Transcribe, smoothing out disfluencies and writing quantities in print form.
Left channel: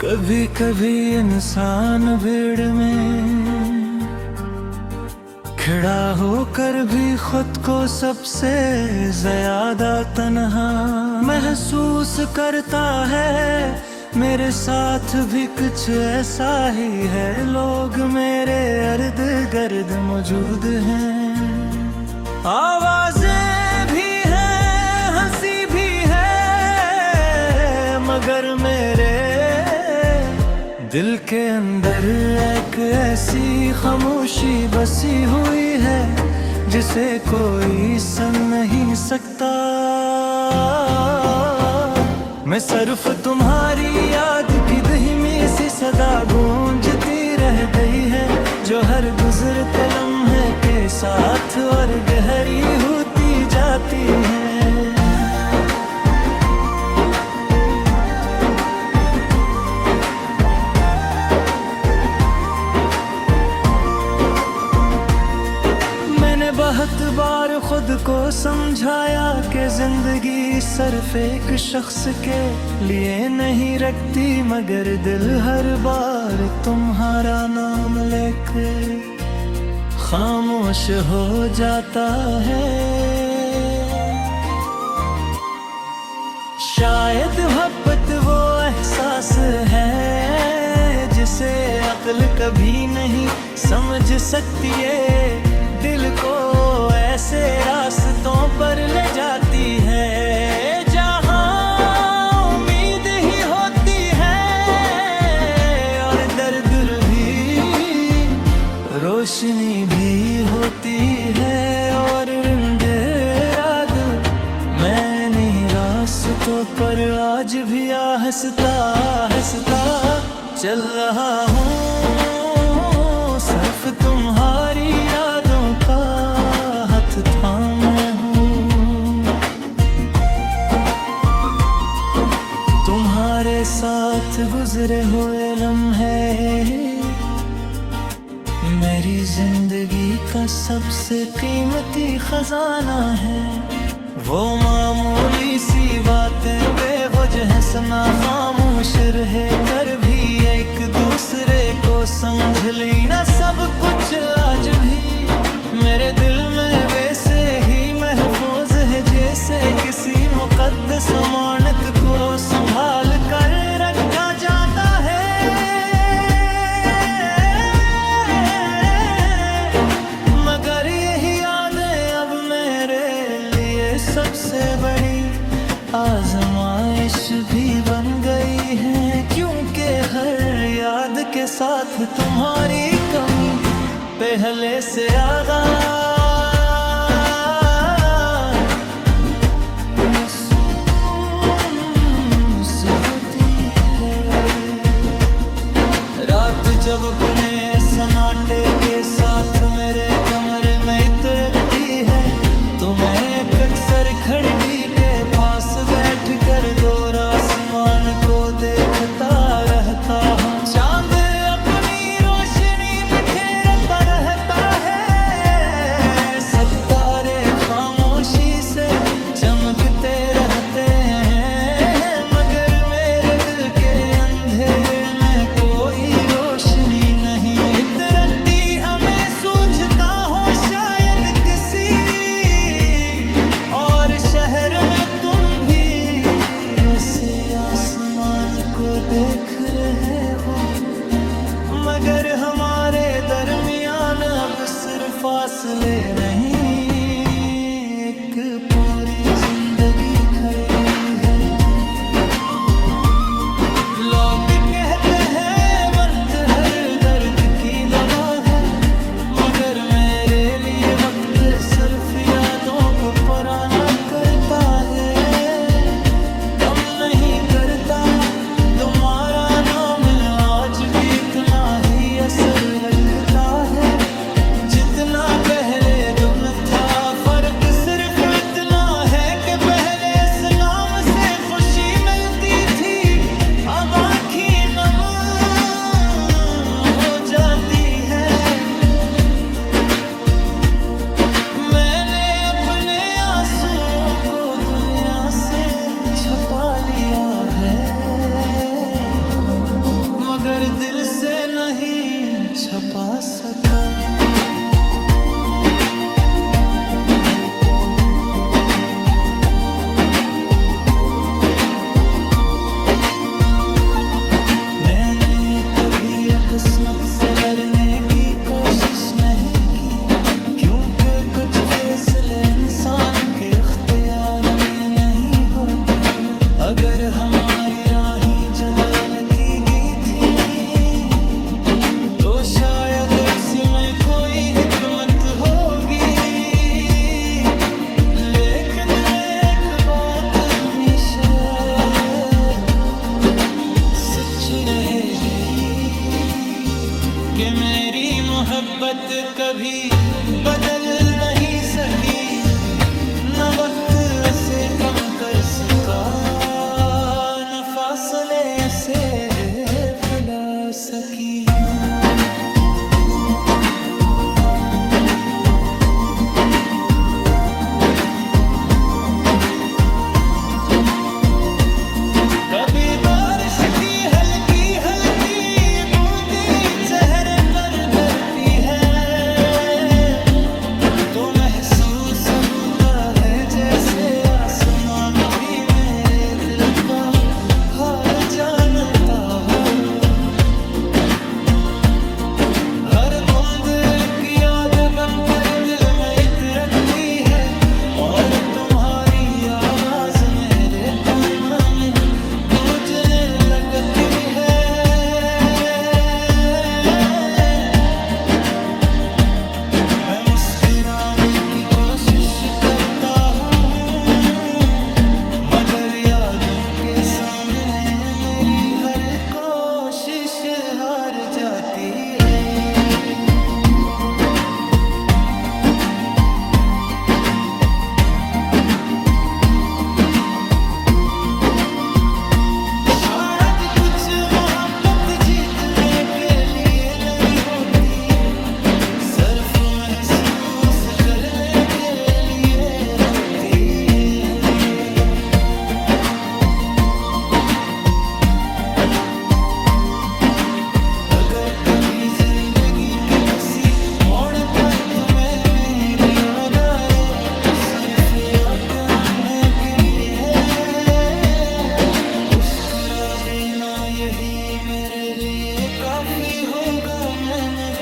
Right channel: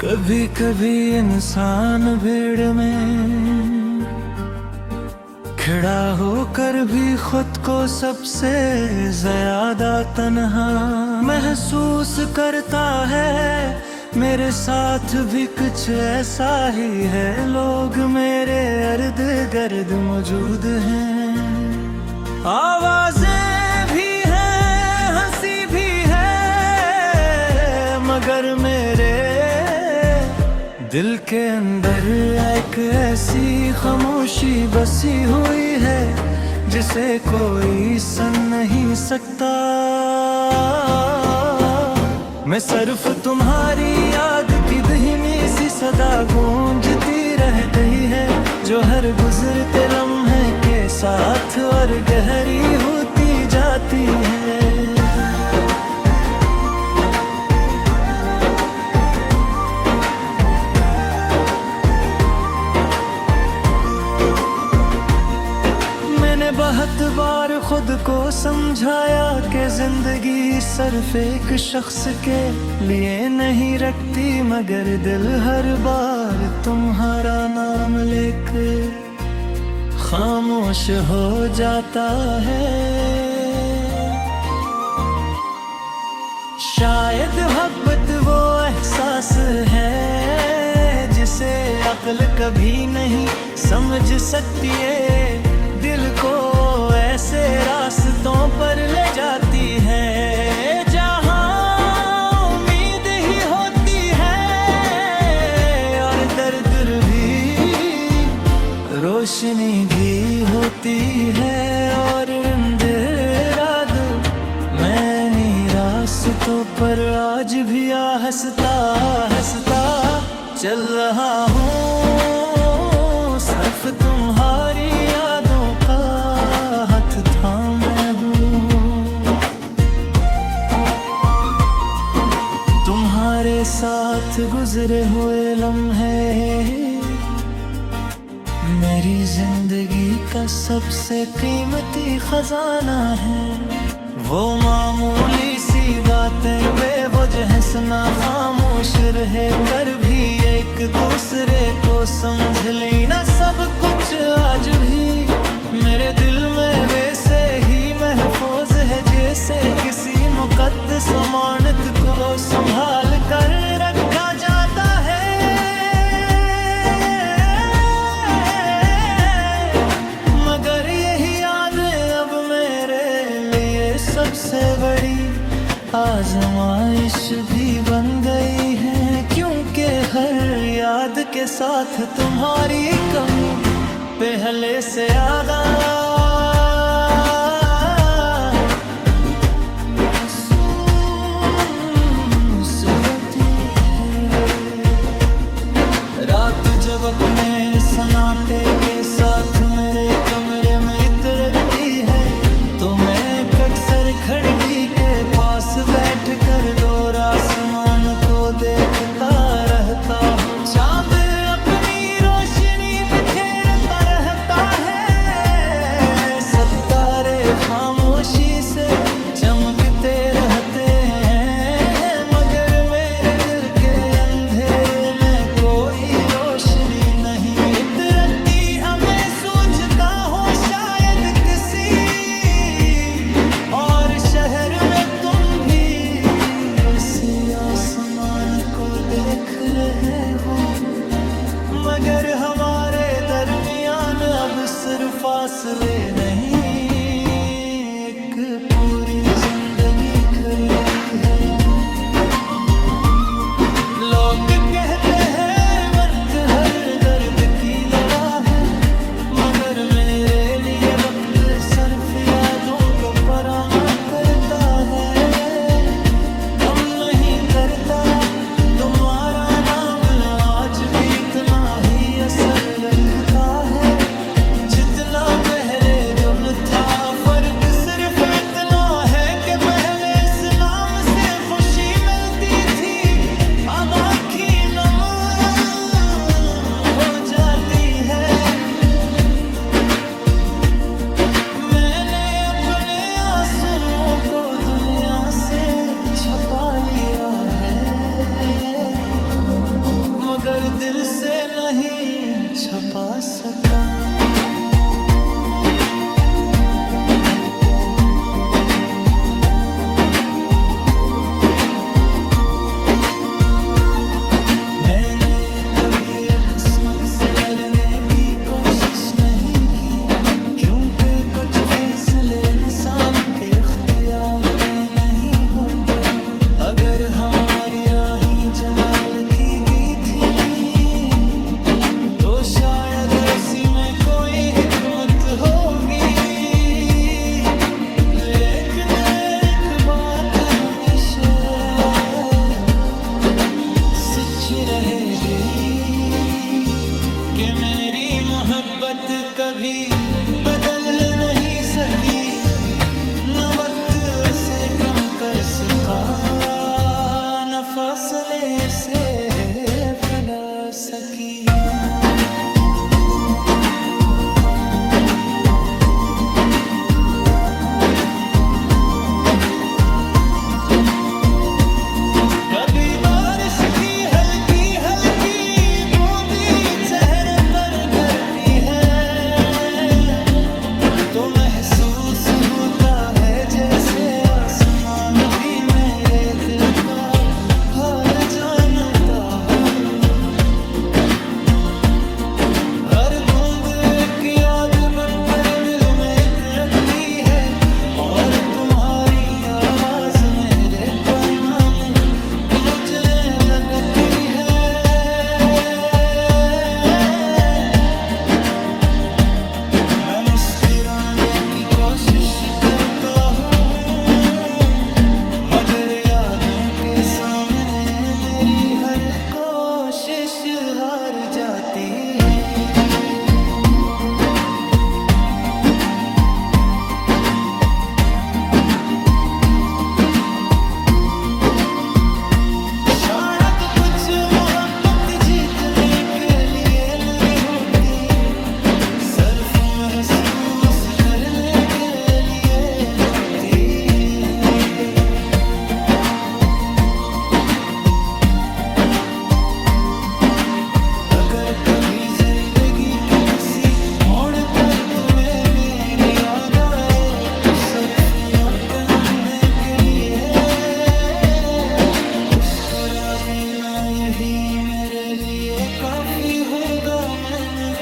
कभी कभी इंसान भीड़ में खड़ा होकर भी खुद को सबसे ज्यादा तन्हा महसूस करता है। मेरे साथ भी कुछ ऐसा ही है, लोग मेरे इर्द गिर्द मौजूद हैं। आवाजें भी हैं, हंसी भी है, मगर मेरे दिल के अंदर एक ऐसी खामोशी बसी हुई है जिसे कोई सुन नहीं सकता। मैं सिर्फ तुम्हारी याद की धीमी सी सदा गूंजती रह गई है, जो हर गुजरते लम्हे के साथ और गहरी होती जाती है। मैंने बहुत बार खुद को समझाया कि जिंदगी सिर्फ एक शख्स के लिए नहीं रखती, मगर दिल हर बार तुम्हारा नाम लेकर खामोश हो जाता है। शायद मोहब्बत वो एहसास है जिसे अक्ल कभी नहीं समझ सकती है, दिल को ऐसे रास्तों पर ले जाती है जहां उम्मीद ही होती है और दर्द भी, रोशनी भी होती है। और अंधेरा दो मैंने रास्तों पर आज भी हंसता हंसता चल रहा हूँ, सिर्फ तुम्हारी यादों का हाथ थामे हूँ। तुम्हारे साथ गुजरे हुए लम्हे मेरी जिंदगी का सबसे कीमती खजाना है। वो मामूली सी बातें बेवजह सना खामोश रहे कर भी एक दूसरे को समझ लेना, सब कुछ आज भी मेरे दिल में वैसे ही महफूज है जैसे किसी मुकद्दस अमानत को संभाल कर रखा जाता है। मगर यही यादें अब मेरे लिए सबसे बड़ी आजमाइश भी बन गई है, क्योंकि हर याद के साथ तुम्हारी कमी पहले से यादा महसूस होती है। रात जब अपने सन्नाटे के साथ मेरे कमरे में इतरती है, तो मैं अक्सर खिड़की के पास बैठकर दूर आसमान को देखता रहता हूँ। चांद अपनी रोशनी बिखेरता रहता है, सितारे खामोशी से चमकते रहते हैं, मगर मेरे दिल के अंधेरे में कोई रोशनी नहीं इतरती। अब मैं सोचता हूँ शायद किसी और शहर में तुम भी ऐसे आसमान को देख रहे हो, मगर हमारे दरमियान अब सिर्फ फासले नहीं, एक पूरी जिंदगी खड़ी है। लोग कहते हैं वक्त हर दर्द की दवा है, मगर मेरे लिए वक्त सिर्फ यादों को पुराना करता है, कम नहीं करता। तुम्हारा नाम आज भी इतना ही असर रखता है जितना पहले दिन था। फर्क सिर्फ इतना है कि पहले सलाम से खुशी मिलती थी, अब आँखें नम हो जाती है। को दुनिया से छपा लिया है, मगर दिल से नहीं छपा सका। मैंने कभी किस्मत से लड़ने की कोशिश नहीं की, क्योंकि कुछ फैसले इंसान के इख्तियार में नहीं होते। अगर हमारी राहें जुदा की गई थी तो शायद इसी में कोई हिकमत होगी, लेकिन एक बात हमेशा सच रहेगी कि मेरी मोहब्बत कभी बदल नहीं सकी, न वक्त ऐसे कम कर सका, न फासले ऐसे फैला सकी। कभी बारिश की हल्की हल्की बूंदी चेहरे पर गिरती है तो महसूस होता है जैसे आसमान भी मेरे दिल का हाल जानता हो। हर बूंद की याद बनकर दिल में इतरती है और तुम्हारी आवाज मेरे पन्नों में गूंजने लगती है। मैं मुस्कुराने की कोशिश करता हूँ मगर यादों के सामने मेरी हर कोशिश हार जाती है। कुछ मोहब्बत जीतने के लिए नहीं होती, सिर्फ महसूस करने के लिए होती है। अगर कभी जिंदगी के किसी मोड़ पर तुम्हें मेरी याद आए तो सिर्फ हमने करी है मुस्कुरा देना, यही मेरे लिए काफी होगा। मैंने